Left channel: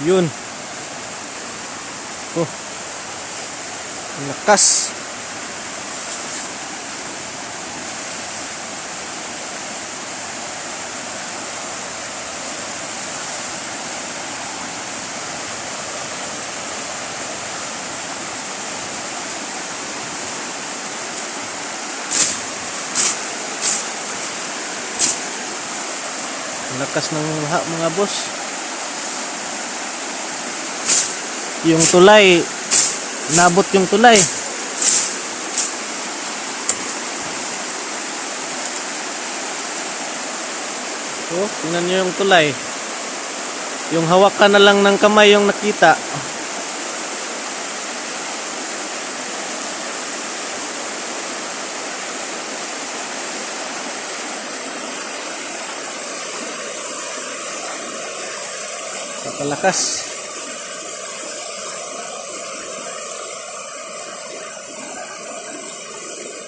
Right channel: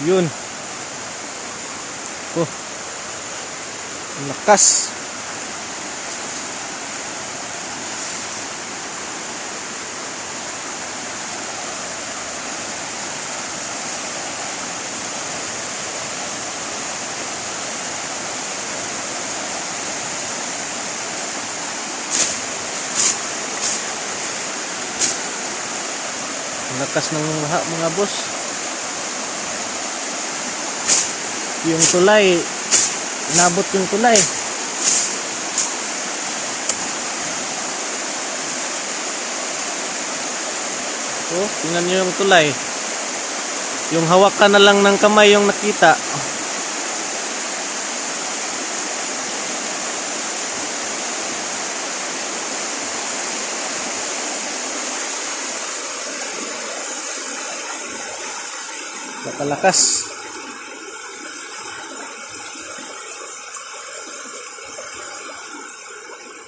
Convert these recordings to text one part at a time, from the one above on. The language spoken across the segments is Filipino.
Yun. Oh. Ang lakas. Ang lakas ng mga boss. Yung tulay, nabot yung tulay. So, tingnan nyo yung tulay. Yung hawakan na lang ng kamay yung nakita. Napakalakas.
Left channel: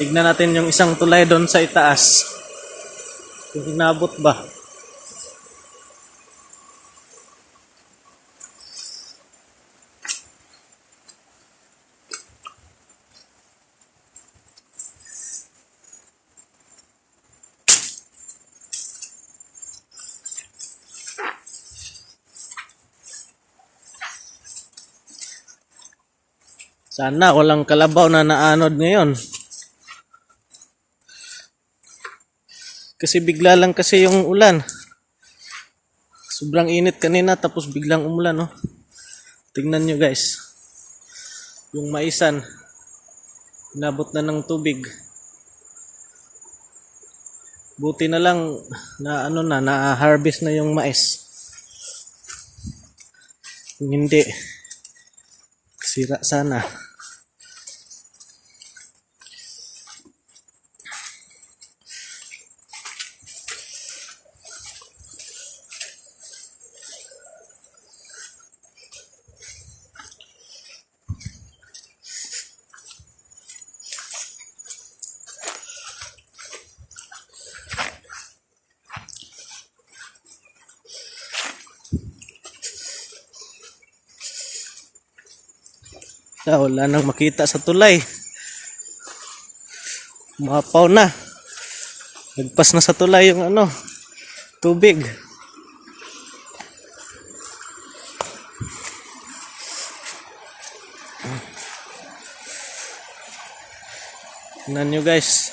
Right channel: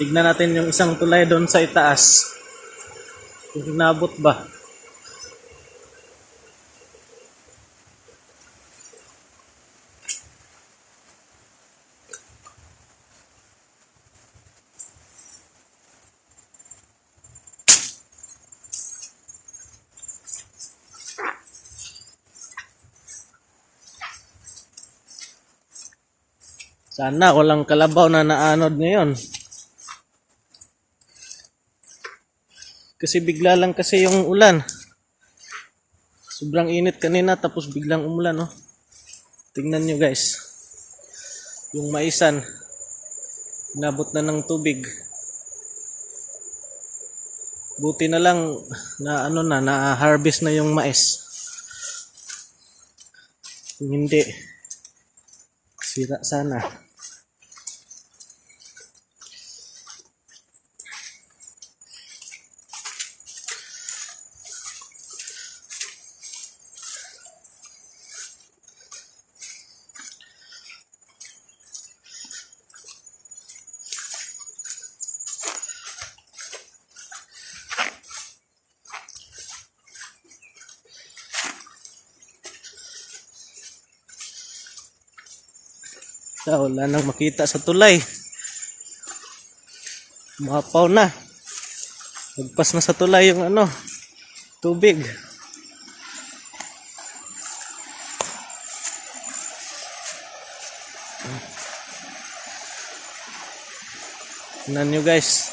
Tignan natin yung isang tulay doon sa itaas. Kung inabot ba. Sana walang kalabaw na naanod ngayon. Kasi bigla lang kasi yung ulan. Sobrang init kanina tapos biglang umulan, oh. Tingnan nyo guys. Yung maisan inabot na ng tubig. Buti na lang na na-harvest na yung mais. Kung hindi, sira sana. Wala nang makita sa tulay. Mapaw na. Nagpas na sa tulay yung tubig. Tingnan nyo guys.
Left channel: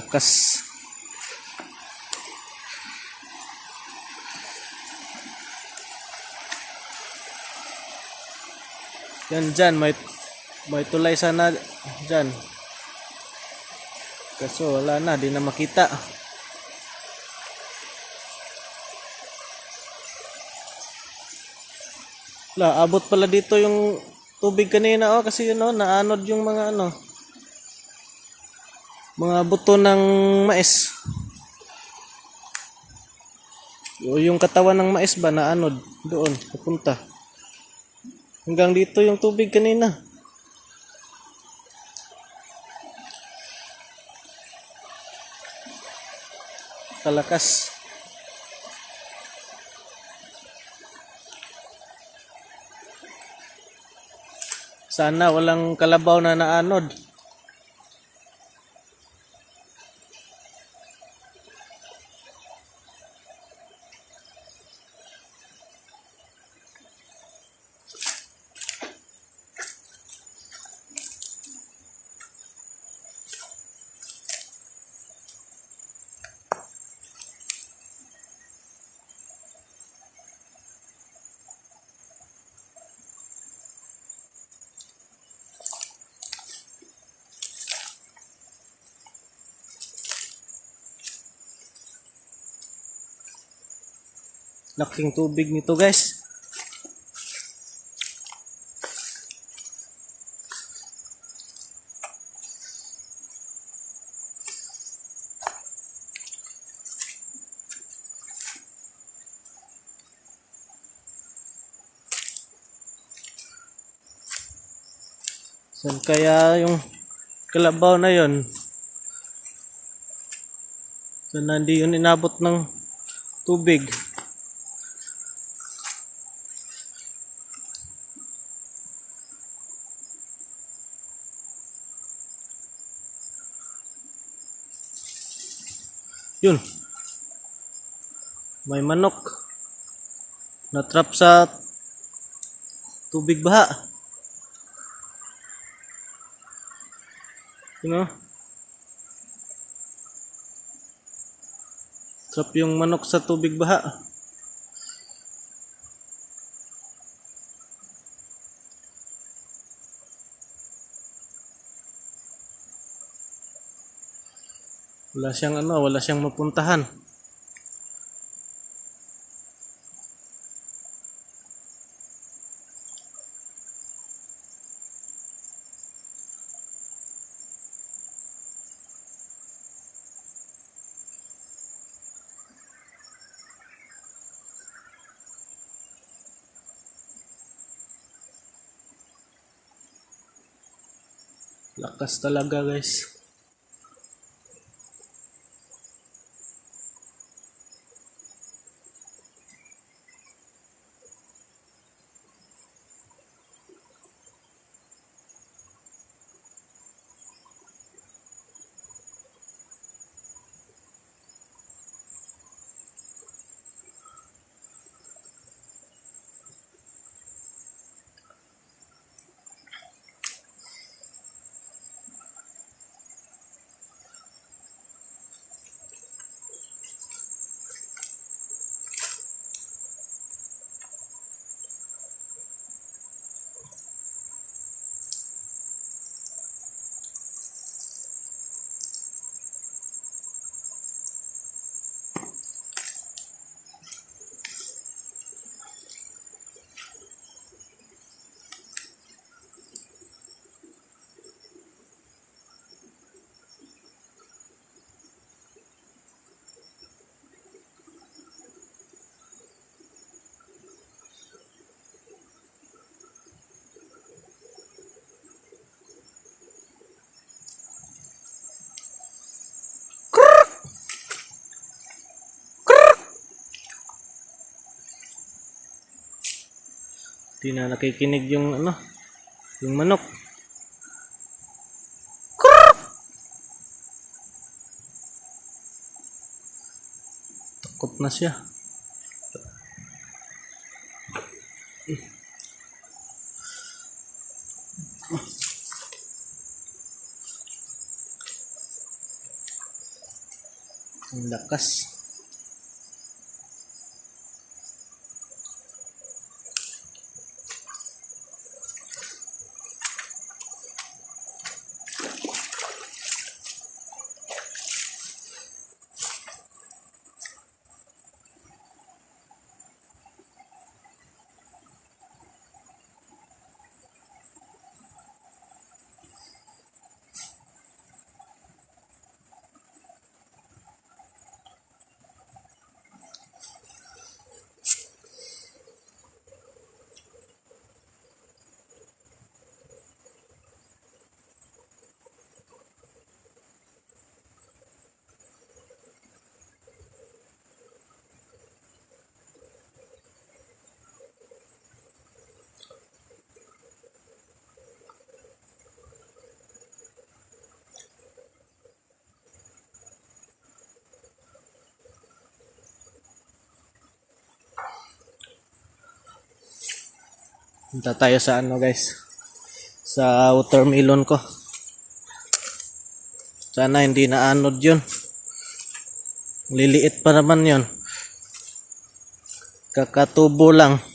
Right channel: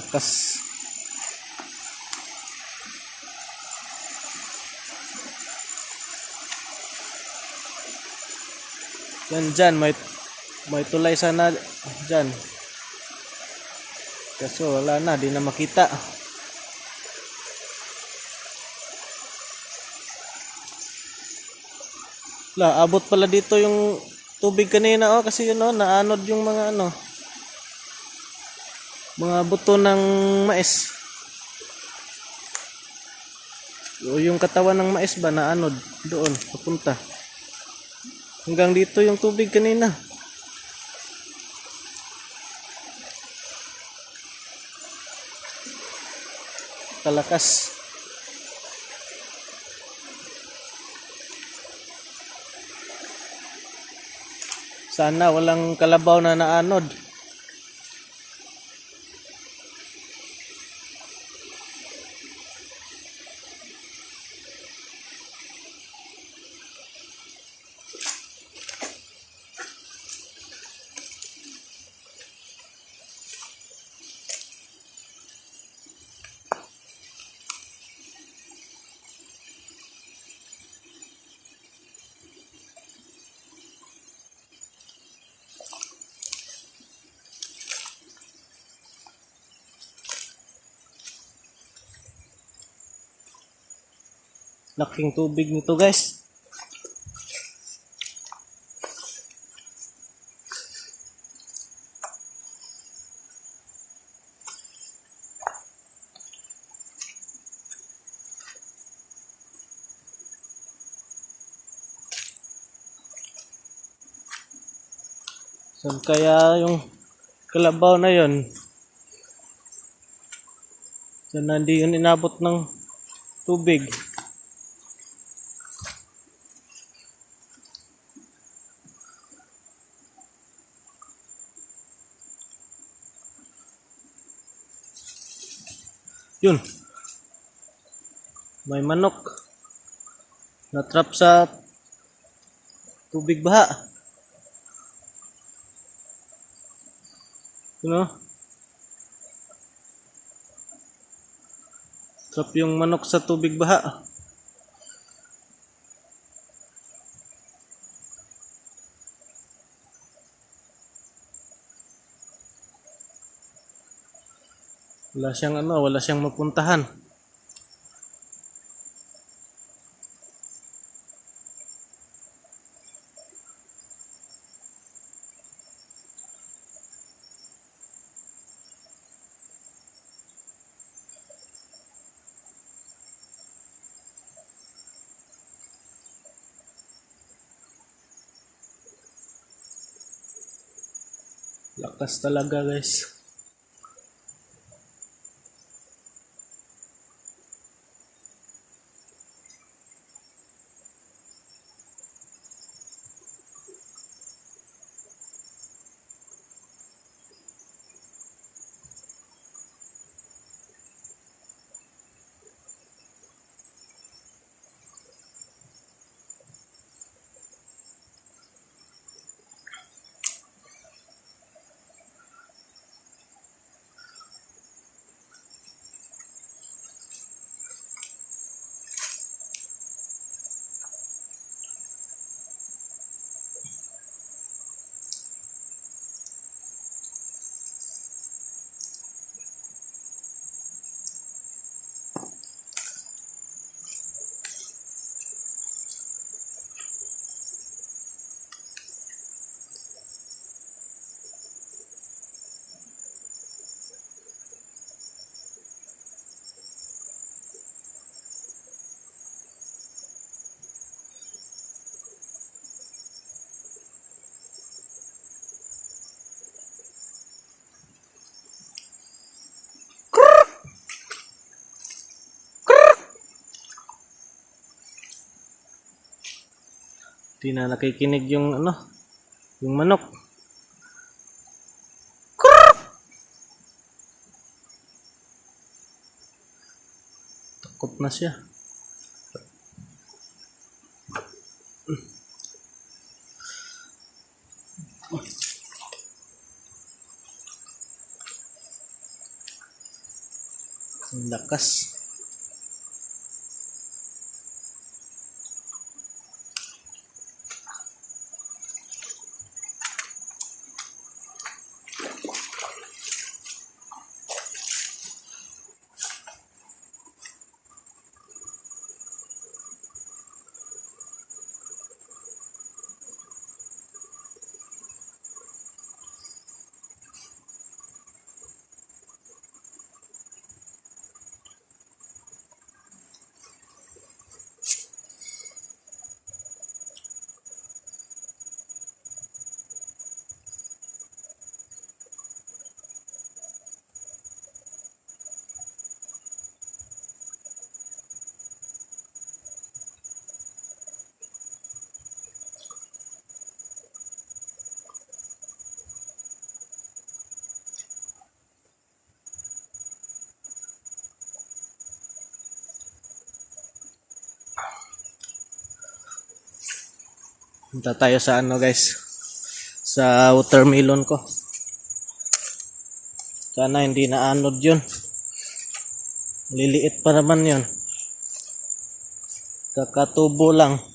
Lakas. Yan dyan, may tulay sana dyan. Kaso wala na, di na makita. Abot pala dito yung tubig kanina, oh, kasi naanod yung mga mga buto ng mais. O yung katawan ng mais ba naanod doon, papunta. Hanggang dito yung tubig kanina. Kalakas. Sana walang kalabaw na naanod. Laking tubig nito guys. Saan kaya yung kalabaw na yon? Sana hindi yun inabot ng tubig. Yun. May manok. Na-trap sa tubig baha. Yun o. Trap yung manok sa tubig baha. Wala siyang wala siyang mapuntahan. Lakas talaga, guys. Di na nakikinig yung yung manok. Takot na siya. Ang lakas. Punta tayo sa guys, sa watermelon ko. Sana hindi na anod yun. Liliit pa naman yun. Kakatubo lang.